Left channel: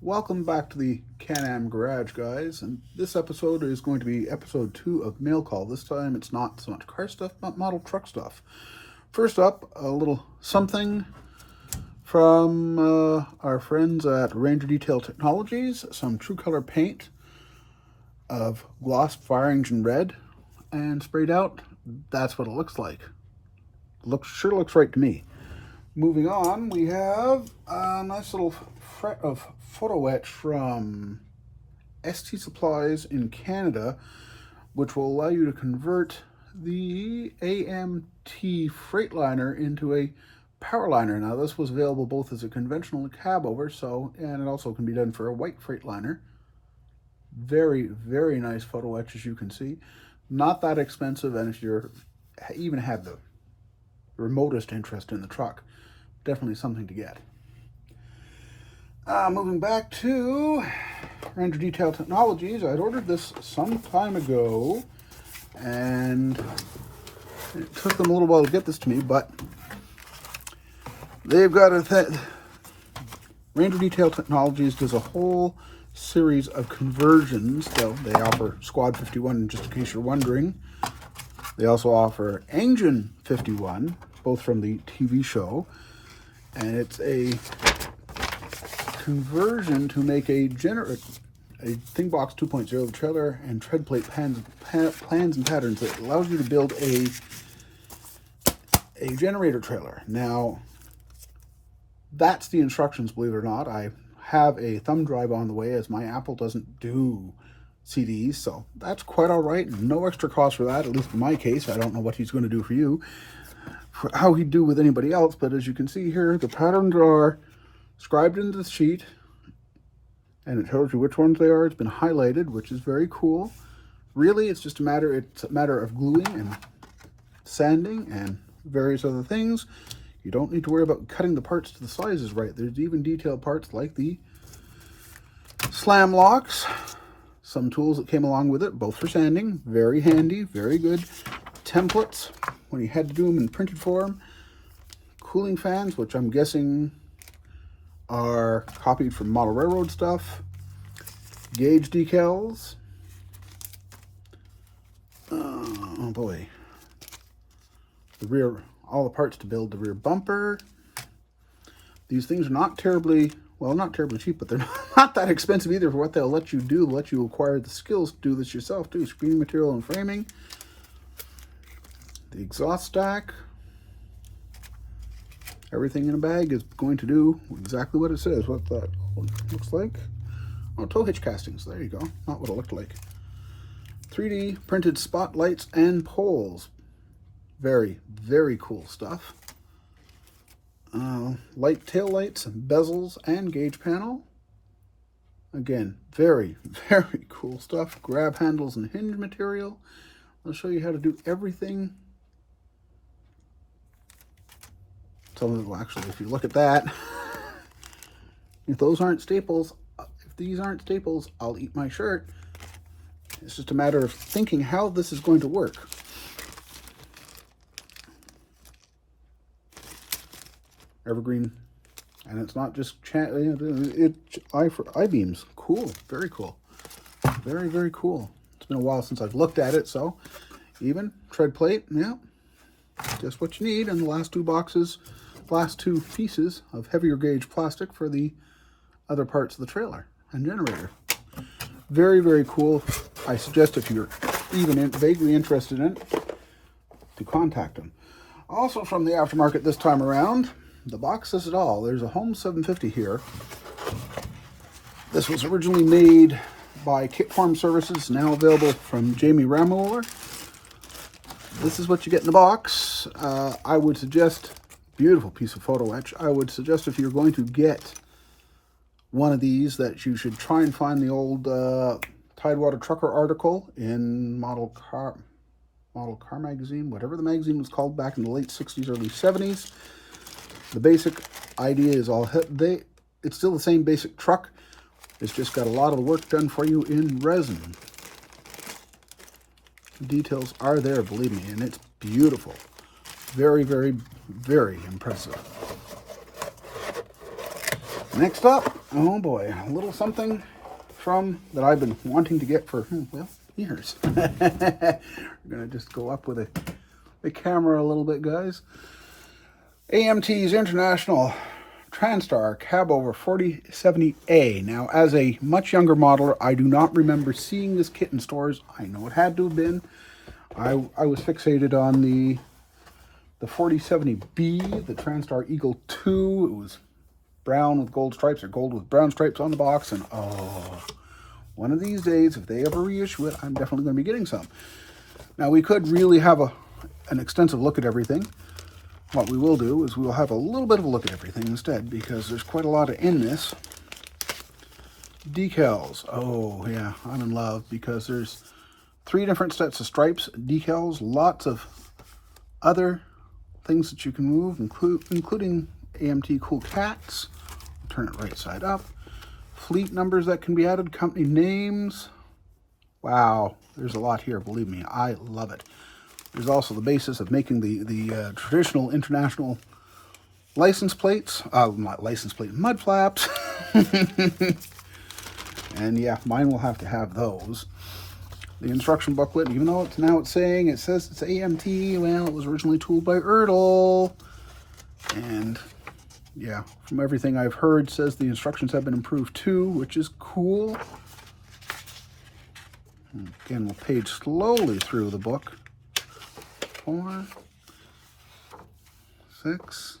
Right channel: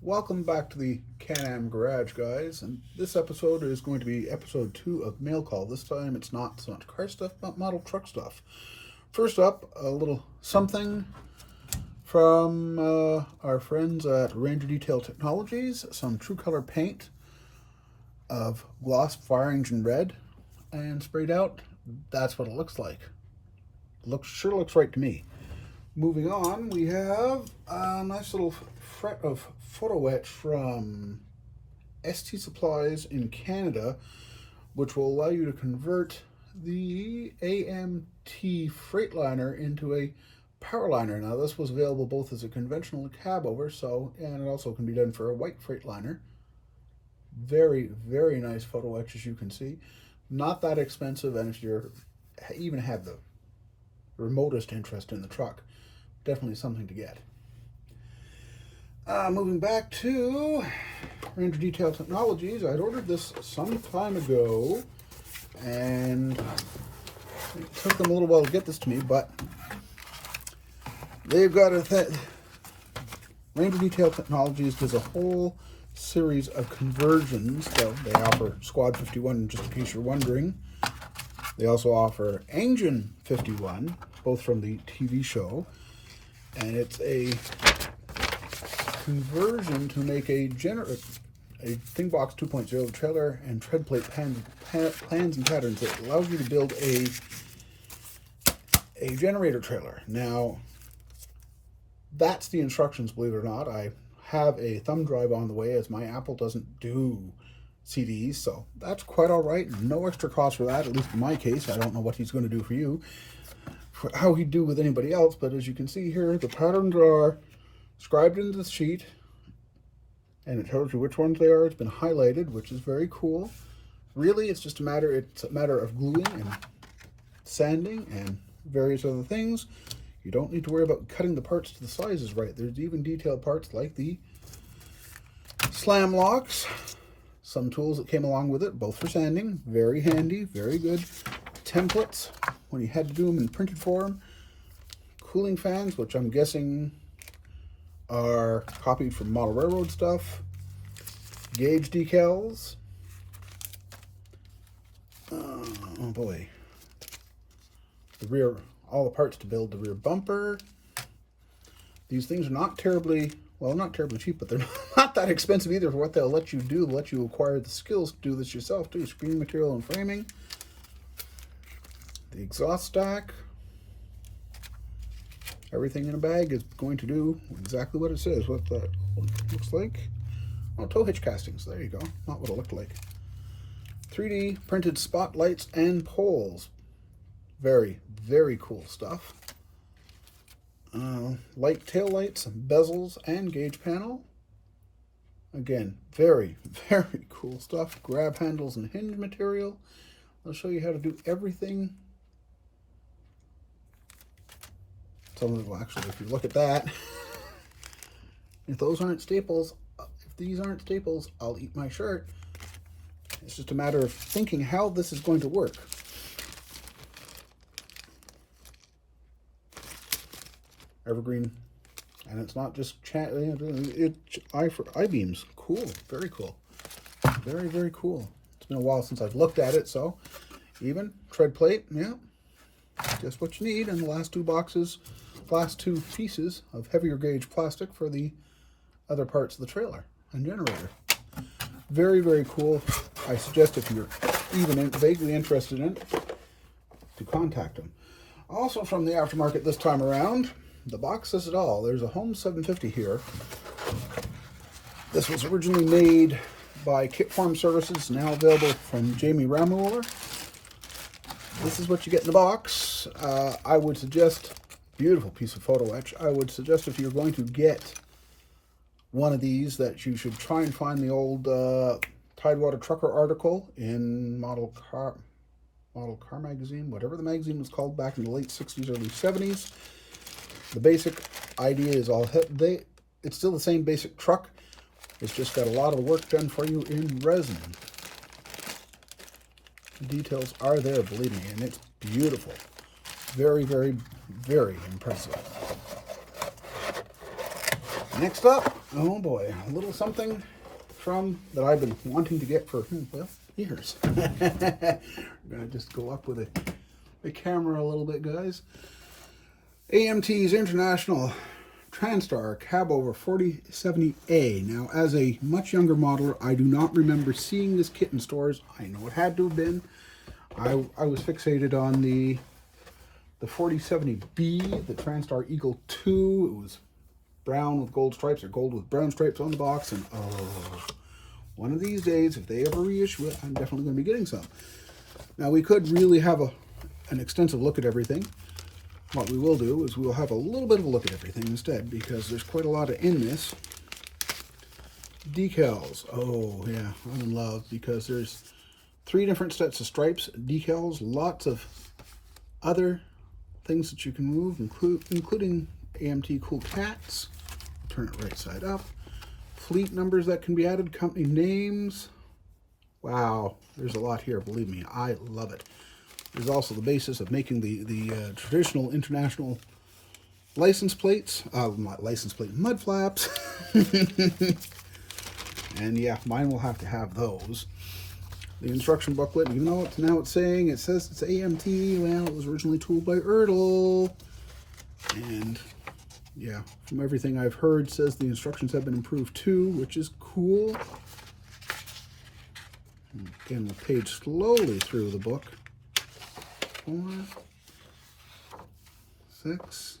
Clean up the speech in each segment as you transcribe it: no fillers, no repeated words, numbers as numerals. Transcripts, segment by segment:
Welcome back to the Can-Am Garage, guys, and this episode is going to be episode 2 of Mail Call. This time it's not so much car stuff, but model truck stuff. First up, a little something from our friends at Ranger Detail Technologies, some True Color paint of glossed fire engine red and sprayed out. That's what it looks like. Sure looks right to me. Moving on, we have a nice little fret of photo etch from ST Supplies in Canada, which will allow you to convert the AMT Freightliner into a Powerliner. Now, this was available both as a conventional cab over, and it also can be done for a white Freightliner. Very, very nice photo etch, as you can see. Not that expensive, and if you're even have the remotest interest in the truck, definitely something to get. Moving back to Ranger Detail Technologies, I'd ordered this some time ago, and it took them a little while to get this to me, but they've got Ranger Detail Technologies does a whole series of conversions. So they offer Squad 51, just in case you're wondering. They also offer Engine 51, both from the TV show, and it's a conversion to make a Thingbox 2.0 trailer and tread plate plans and patterns that allows you to build a generator trailer. Now, that's the instructions, believe it or not. I have a thumb drive on the way, as my Apple doesn't do CDs, so that's quite all right. No extra cost for that, at least in my case. I don't know what he's going to do for you, for how he'd do with anybody else, but as you can see here, the patterns are scribed into the sheet, and it tells you which ones they are. It's been highlighted, which is very cool. Really, it's a matter of gluing and sanding and various other things. You don't need to worry about cutting the parts to the sizes right. There's even detailed parts like the slam locks, some tools that came along with it, both for sanding. Very handy, very good. Templates when you had to do them in printed form. Cooling fans, which I'm guessing are copied from model railroad stuff. Gauge decals. Oh boy. The rear, all the parts to build the rear bumper. These things are not terribly cheap, but they're not that expensive either for what they'll let you do, let you acquire the skills to do this yourself too. Screen material and framing. The exhaust stack. Everything in a bag is going to do exactly what it says. What that looks like. Oh, tow hitch castings. There you go. Not what it looked like. 3D printed spotlights and poles. Very, very cool stuff. Light tail lights, bezels, and gauge panel. Again, very, very cool stuff. Grab handles and hinge material. I'll show you how to do everything. So actually, if you look at that, if those aren't staples, if these aren't staples, I'll eat my shirt. It's just a matter of thinking how this is going to work. Evergreen, and it's not just I-beams. Cool, very cool, very, very cool. It's been a while since I've looked at it, so even tread plate, yeah, just what you need. And the last two pieces of heavier gauge plastic for the other parts of the trailer and generator. Very, very cool. I suggest if you're even vaguely interested in it, to contact them. Also from the aftermarket this time around, the box says it all. There's a Home 750 here. This was originally made by Kit Farm Services, now available from Jamie Ramour. This is what you get in the box. I would suggest, beautiful piece of photo etch. I would suggest if you're going to get one of these that you should try and find the old Tidewater Trucker article in Model Car magazine, whatever the magazine was called back in the late 60s, early 70s. The basic idea is it's still the same basic truck. It's just got a lot of the work done for you in resin. The details are there, believe me, and it's beautiful. Very, very, very impressive. Next up, Oh boy, a little something from that I've been wanting to get for, well, years. We're going to just go up with the camera a little bit, guys. AMT's International Transtar Cab Over 4070A. Now, as a much younger modeler, I do not remember seeing this kit in stores. I know it had to have been. I was fixated on the 4070B, the Transtar Eagle 2. It was brown with gold stripes, or gold with brown stripes on the box, and oh, one of these days, if they ever reissue it, I'm definitely going to be getting some. Now, we could really have an extensive look at everything. What we will do is we'll have a little bit of a look at everything instead, because there's quite a lot in this. Decals. Oh, yeah, I'm in love, because there's 3 different sets of stripes, decals, lots of other things that you can move, including AMT Cool Cats. Turn it right side up. Fleet numbers that can be added, company names. Wow, there's a lot here, believe me, I love it. There's also the basis of making the traditional international license plates, not license plate, mud flaps. And yeah, mine will have to have those. The instruction booklet, even though it's saying, it says it's AMT, well, it was originally tooled by Ertl. And yeah, from everything I've heard, says the instructions have been improved too, which is cool. Again, we'll page slowly through the book. 4, 6.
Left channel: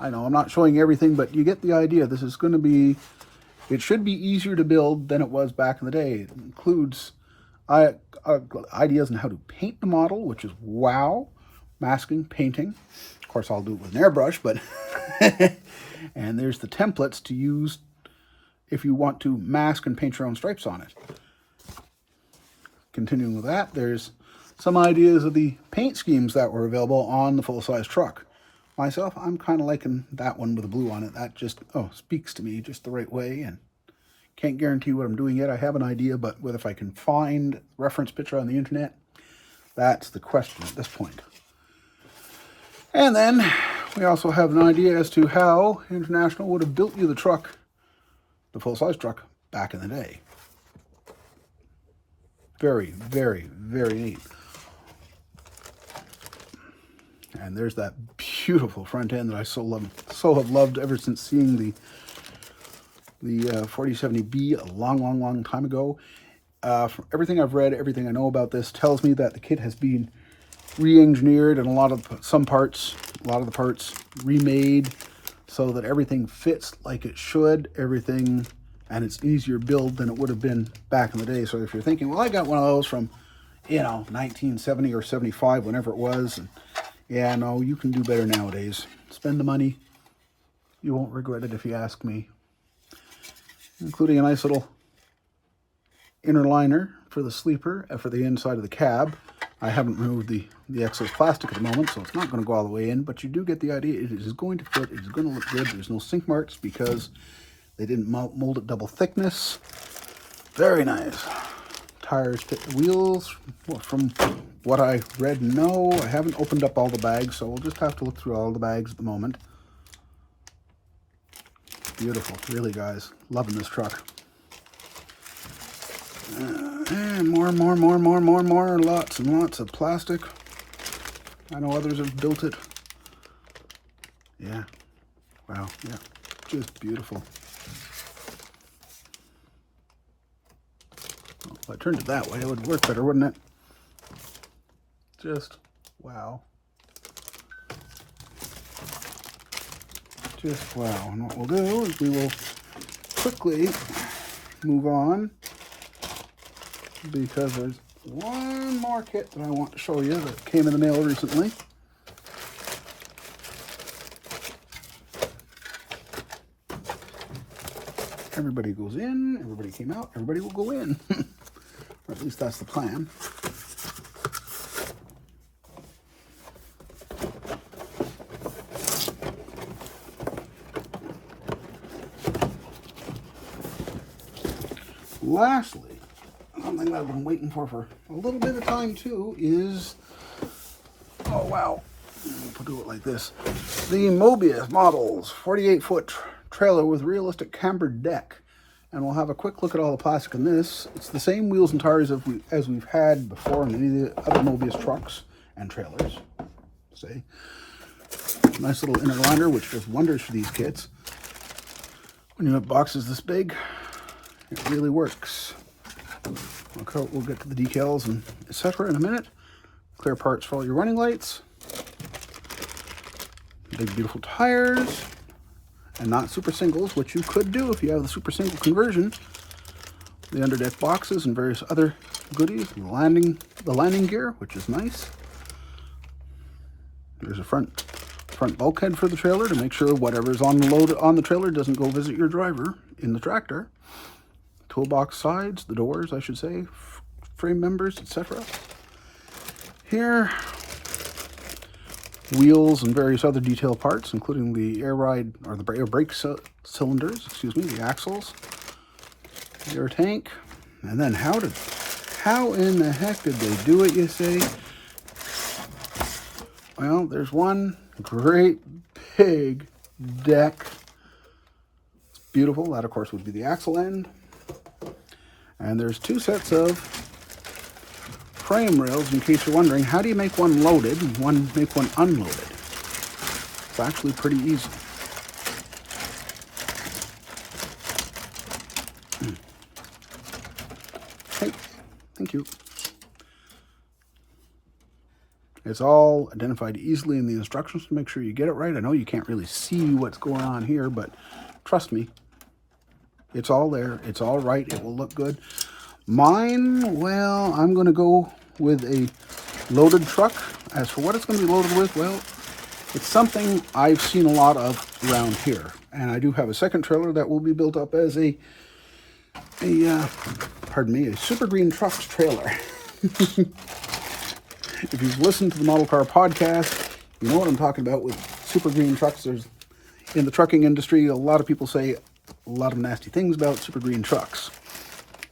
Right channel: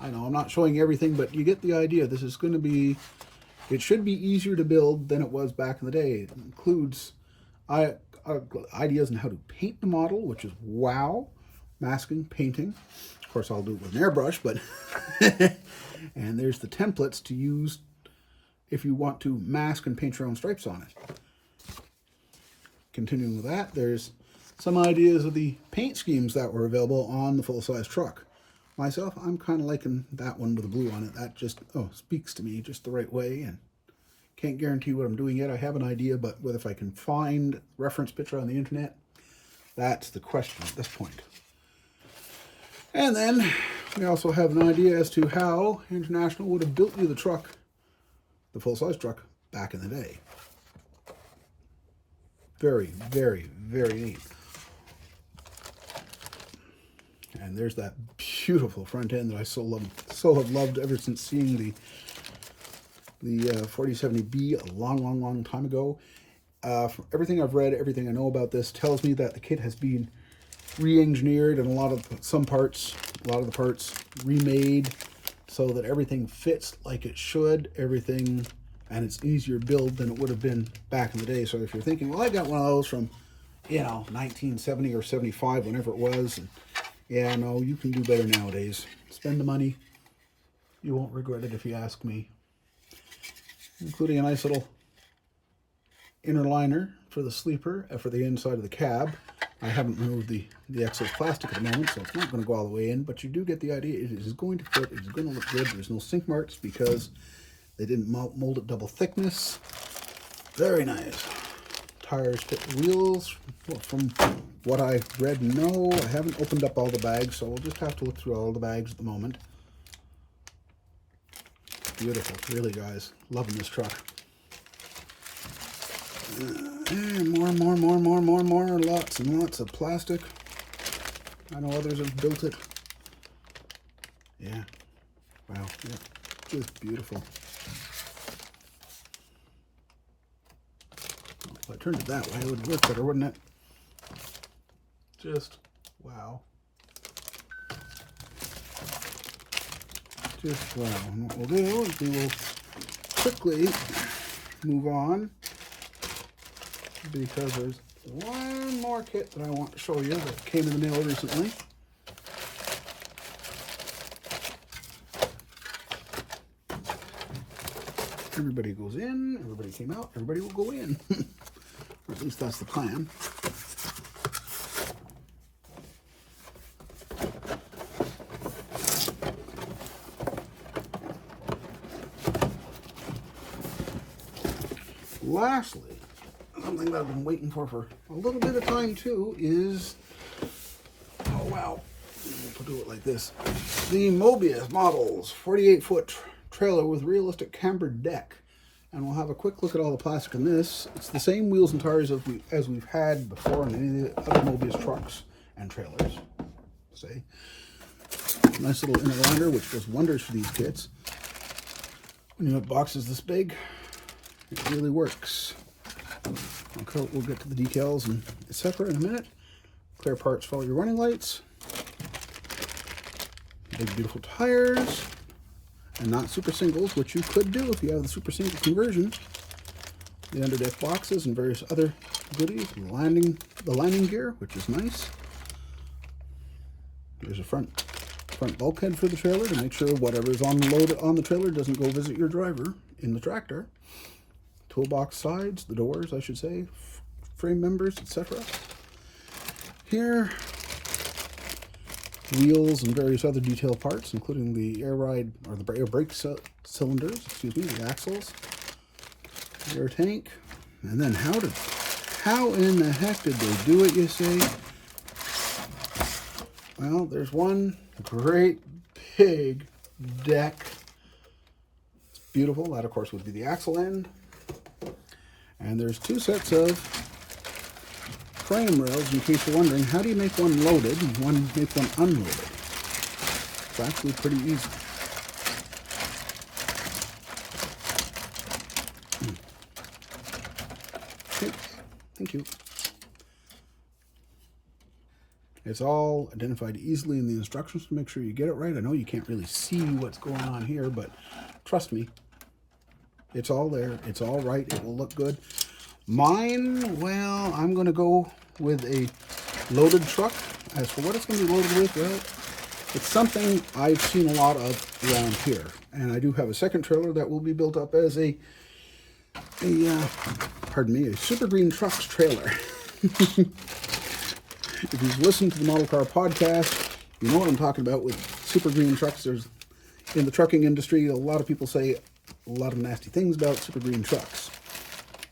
I know I'm not showing everything, but you get the idea. This is going to be, it should be easier to build than it was back in the day. It includes ideas on how to paint the model, which is wow. Masking, painting. Of course, I'll do it with an airbrush, but and there's the templates to use if you want to mask and paint your own stripes on it. Continuing with that, there's some ideas of the paint schemes that were available on the full-size truck. Myself, I'm kind of liking that one with the blue on it. That just, speaks to me just the right way, and can't guarantee what I'm doing yet. I have an idea, but if I can find reference picture on the internet, that's the question at this point. And then we also have an idea as to how International would have built you the truck, the full-size truck, back in the day. Very, very, very neat. And there's that beautiful front end that I so have loved ever since seeing the 4070B a long time ago. From everything I've read, everything I know about this tells me that the kit has been re-engineered and a lot of the parts remade so that everything fits like it should. Everything, and it's easier build than it would have been back in the day. So if you're thinking, well, I got one of those from, 1970 or 75, whenever it was, and yeah, no, you can do better nowadays. Spend the money. You won't regret it if you ask me. Including a nice little inner liner for the sleeper, for the inside of the cab. I haven't removed the excess plastic at the moment, so it's not going to go all the way in, but you do get the idea. It is going to fit. It is going to look good. There's no sink marks because they didn't mold it double thickness. Very nice. Tires, wheels, from what I read and know. I haven't opened up all the bags, so we'll just have to look through all the bags at the moment. Beautiful, really, guys. Loving this truck. More. Lots and lots of plastic. I know others have built it. Yeah. Wow. Yeah. Just beautiful. Well, if I turned it that way, it would work better, wouldn't it? Just wow. Just wow. And what we'll do is we will quickly move on, because there's one more kit that I want to show you that came in the mail recently. Everybody goes in, everybody came out, everybody will go in. Or at least that's the plan. Lastly, something that I've been waiting for a little bit of time too is, oh wow, we'll do it like this. The Mobius models 48-foot trailer with realistic cambered deck. And we'll have a quick look at all the plastic in this. It's the same wheels and tires as we've had before in many of the other Mobius trucks and trailers. See? Nice little inner liner, which does wonders for these kids. When you have boxes this big, it really works. Okay, we'll get to the decals and etc. in a minute. Clear parts for all your running lights. Big beautiful tires. And not super singles, which you could do if you have the super single conversion. The underdeck boxes and various other goodies. The landing gear, which is nice. There's a front bulkhead for the trailer to make sure whatever's on the load on the trailer doesn't go visit your driver in the tractor. Toolbox sides, the doors, I should say, frame members, etc. Here, wheels and various other detail parts, including the air brake cylinders, the axles, the air tank, and then how in the heck did they do it, you say? Well, there's one great big deck. It's beautiful. That, of course, would be the axle end. And there's two sets of frame rails, in case you're wondering, how do you make one loaded and make one unloaded? It's actually pretty easy. Okay, thank you. It's all identified easily in the instructions to make sure you get it right. I know you can't really see what's going on here, but trust me, it's all there. It's all right. It will look good. Mine, well, I'm going to go with a loaded truck. As for what it's going to be loaded with, well, it's something I've seen a lot of around here. And I do have a second trailer that will be built up as a Super Green Trucks trailer. If you've listened to the Model Car podcast, you know what I'm talking about with Super Green Trucks. There's, in the trucking industry, a lot of people say a lot of nasty things about Super Green Trucks.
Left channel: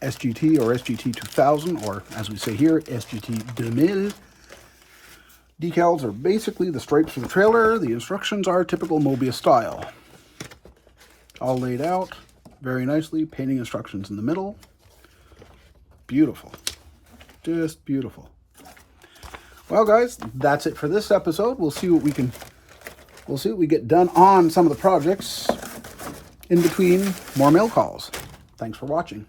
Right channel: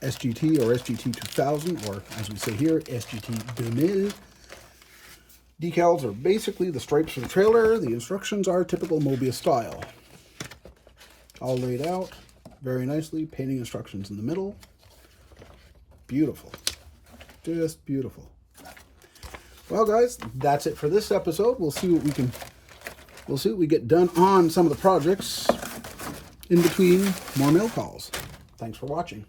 SGT or SGT 2000, or as we say here, SGT 2000. Decals are basically the stripes of the trailer. The instructions are typical Mobius style. All laid out very nicely. Painting instructions in the middle. Beautiful. Just beautiful. Well, guys, that's it for this episode. We'll see what we get done on some of the projects in between more mail calls. Thanks for watching.